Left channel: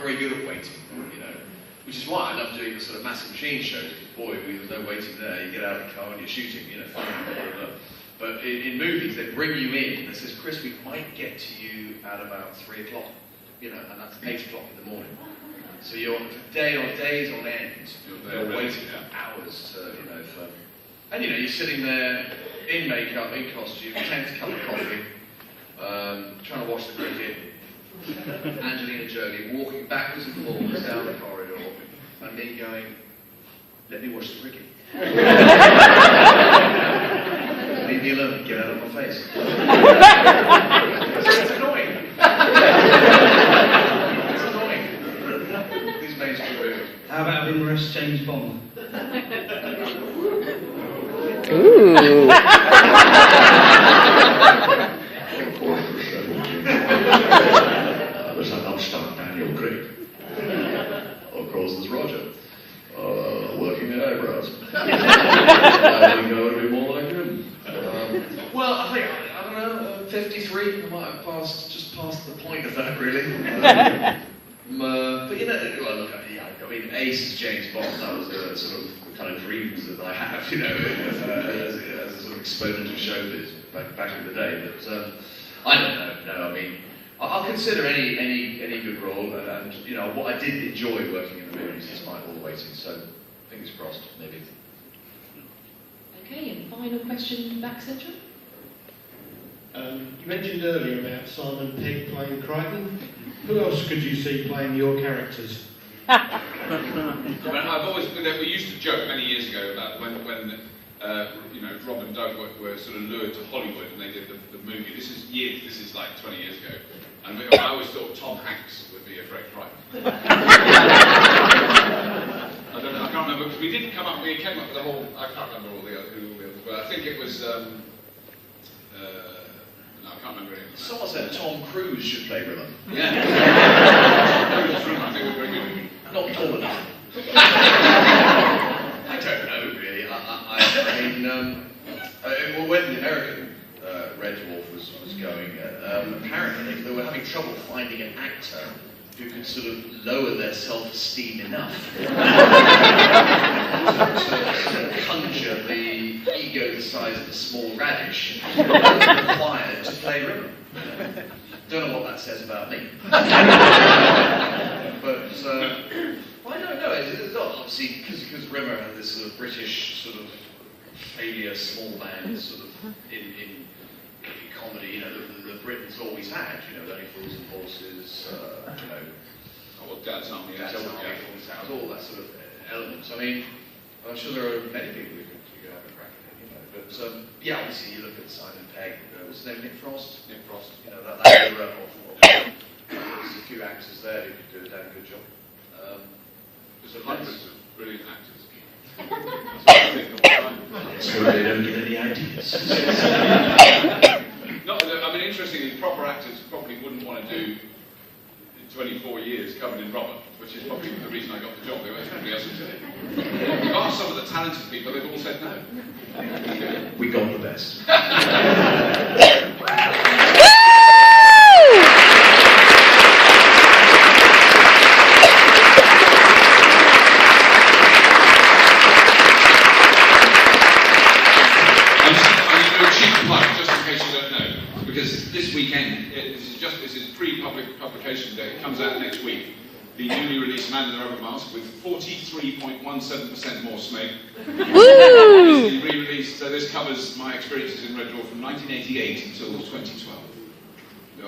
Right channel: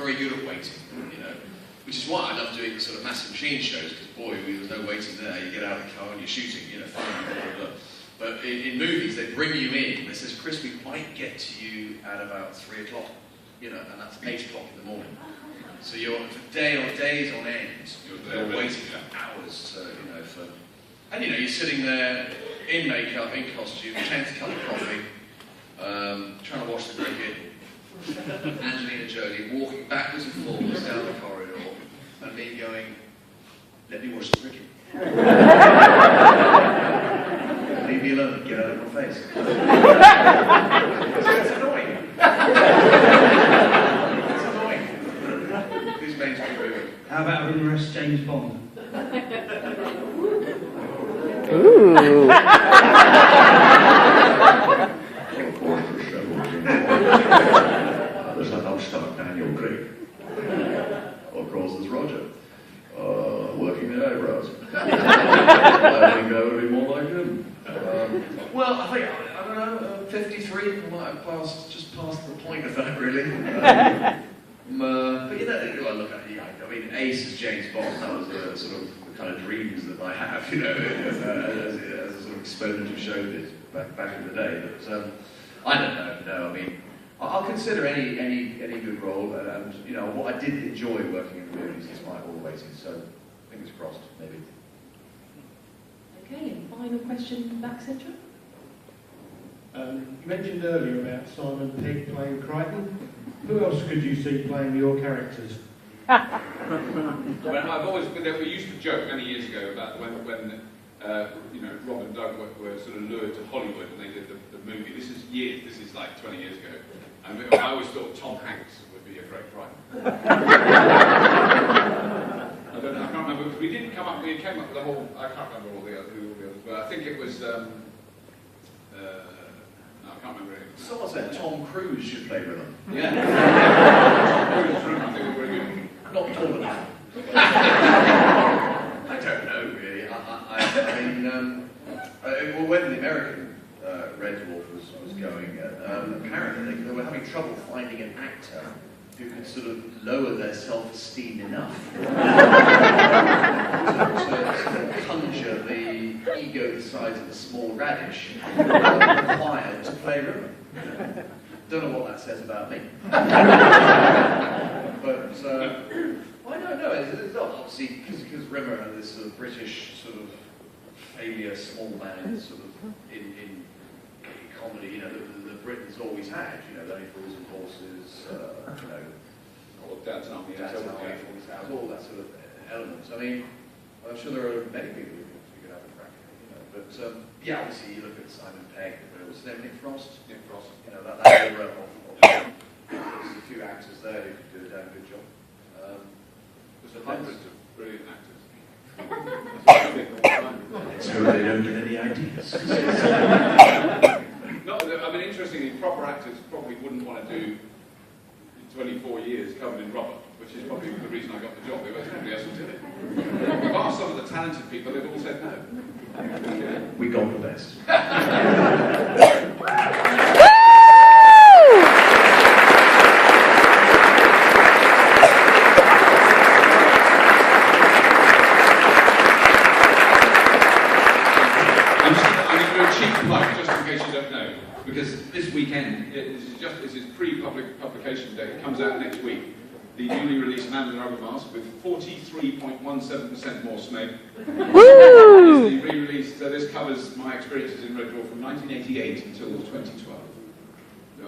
very good at waiting, you know. Which is why I love doing the sort of massive machine shows, because boy, there's no waiting there. You get out of the car and you're shooting, you know. But in movies, they bring you in. They says, Chris, we might get to you at about 3 o'clock, you know, and that's 8 o'clock in the morning. So you're for days on end. You're waiting for hours to, you know, and you know, you're sitting there in makeup, in costume, 10th cup of coffee, trying to watch the cricket. Angelina Jolie walking backwards and forwards down the corridor, and me going, "Let me watch the cricket." Leave me alone, get out of my face. It's annoying. It's annoying. These mainstream movies. How about humorous James Bond? Ooh. There's an upstart Daniel Craig. Of course, there's Roger. Working the eyebrows. I think I would be more like him. Well, I think, I don't know, 53, I might have just passed the point of that, really. But you know, well, look, I mean, Ace is James Bond. That was the sort of the kind of dreams that I have, you know, as a sort of exponent of showbiz back in the day. But I don't know. No, I mean, I'll consider any good role, and you know, what I did enjoy working in the movies despite all the waiting. So, fingers crossed, maybe. Okay, and final question back central. You mentioned earlier about Simon Pegg playing Crichton. Who else could you see playing your characters? I've always been there. We used to joke many years ago about when you know, Rob and Doug were sort of lured to Hollywood and they did the movie. This is like 20 years ago. And I always thought Tom Hanks would be a great Crichton. I can't remember, because we came up with a whole, I can't remember who all the others were. I think it was, no, I can't remember it. Someone said Tom Cruise should play River. Yeah. Tom Cruise, I think was very good. Not tall enough. I don't know, really. I mean, well, when the American Red Dwarf was going, apparently they were having trouble finding an actor who could sort of lower their self-esteem enough to conjure the ego the size of a small radish required to play River. Don't know what that says about me. But well, I don't know. It's not obviously because Rimmer had this sort of British sort of failure, small man sort of in comedy. You know, the Britons always had. You know, Only Fools and Horses. You know, Dad's Army, all that sort of elements. I mean, I'm sure there are many people who could have a crack at it. You know, but yeah, obviously you look at Simon Pegg. What's his name? Nick Frost. Nick Frost. You know that era of there's a few actors there who could do a damn good job. There's hundreds of brilliant actors. That's what I think all the time. So they don't get any ideas. No, I mean, interestingly, proper actors probably wouldn't want to do 24 years covered in rubber, which is probably the reason I got the job. Everybody else was in it. We've asked some of the talented people, they've all said no. We got the best. Just in case you don't know, because this weekend, this is pre-publication day, it comes out next week, the newly released Man in the Rubber Mask with 43.17% more smoke. Woo! It's the re-release, so this covers my experiences in Red Dwarf from 1988 until 2012.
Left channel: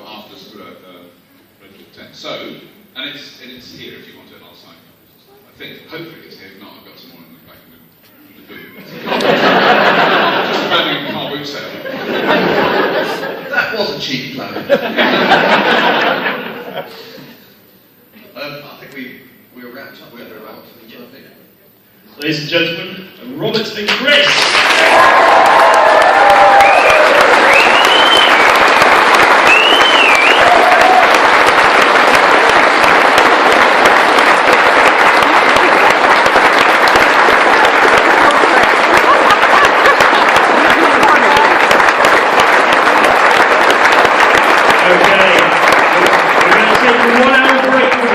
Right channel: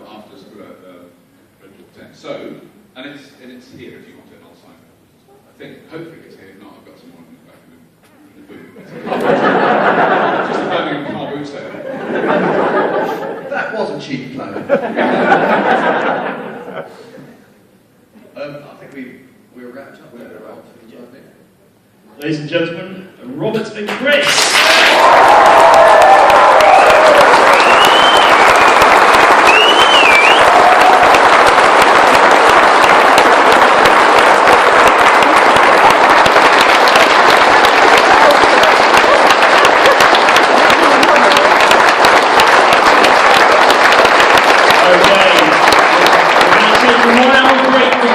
After Red Dwarf 10. So, and it's here if you want it, and I'll sign it. I think, hopefully it's here, if not, I've got some more in the back of the boot. Just a Birmingham car boot sale. That was a cheap plan. I think we were wrapped up. We're wrapped up for the time, I think. Ladies and gentlemen, Robert and Chris.